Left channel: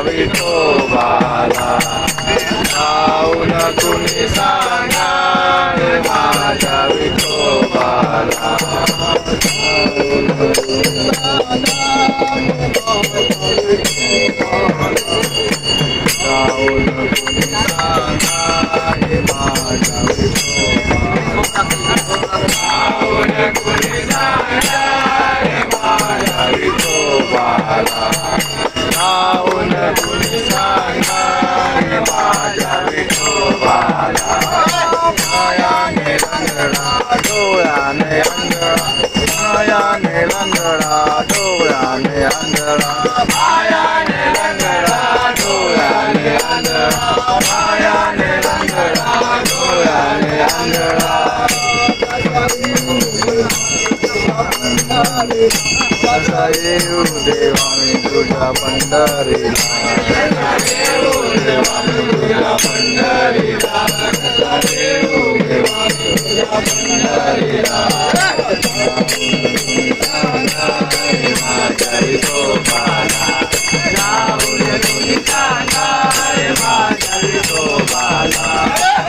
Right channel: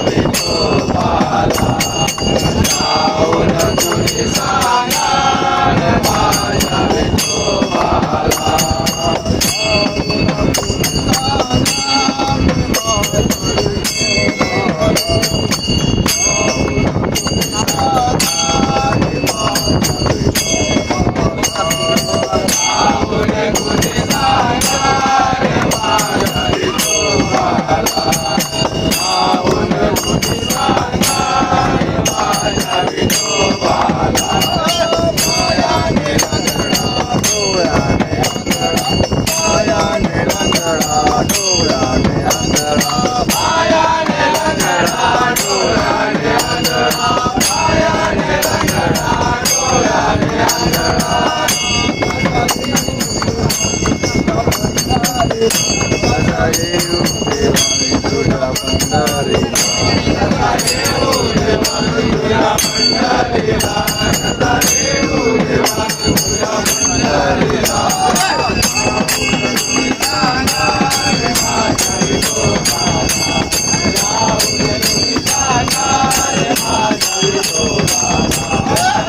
विठोबाला जाऊन कुणी सांगणार माझ्या विठोबाला येऊ देवा मी तुझ्या पंढरीला येऊ देवा मी तुझ्या पंढरीला येऊ देवा मी तुझ्या पंढरीला माझ्या विठोबाला जाऊन कुणी सांगणार माझ्या विठोबाला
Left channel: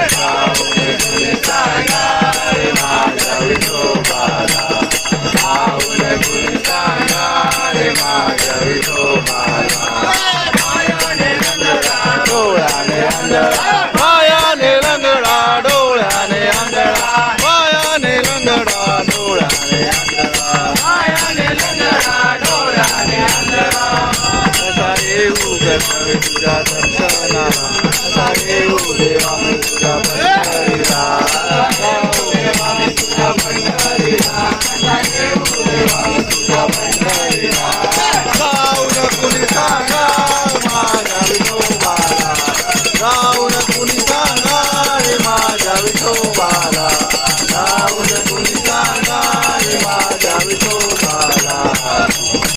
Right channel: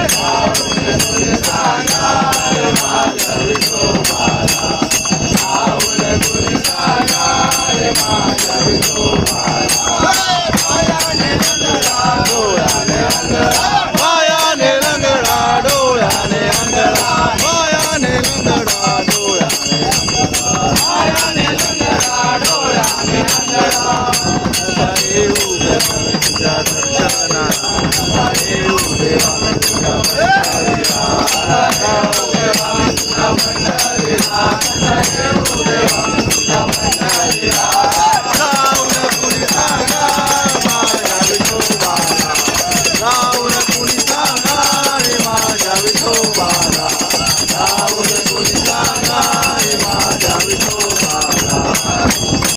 जाऊन कुणी सांगणार माझ्या विठोबाला जाऊन कुणी सांगणार माझ्या विठोबाला मायाने लंगडा डोळ्याने अंधळा मायाने लंगडा डोळ्याने अंधळा मायाने लंगडा डोळ्याने अंधळा मायाने लंगडा डोळ्याने अंधळा असा येऊ देवा मी तुझ्या दर्शनाला असा येऊ देवा मी तुझ्या पंढरीला जाऊ देवा मी तुझ्या पंढरीला असा येऊ देवा मी तुझ्या पंढरीला जाऊन कुणी सांगणार माझ्या विठोबाला जाऊन कुणी सांगणार माझ्या विठोबाला जाऊन कुणी सांगणार माझ्या विठोबाला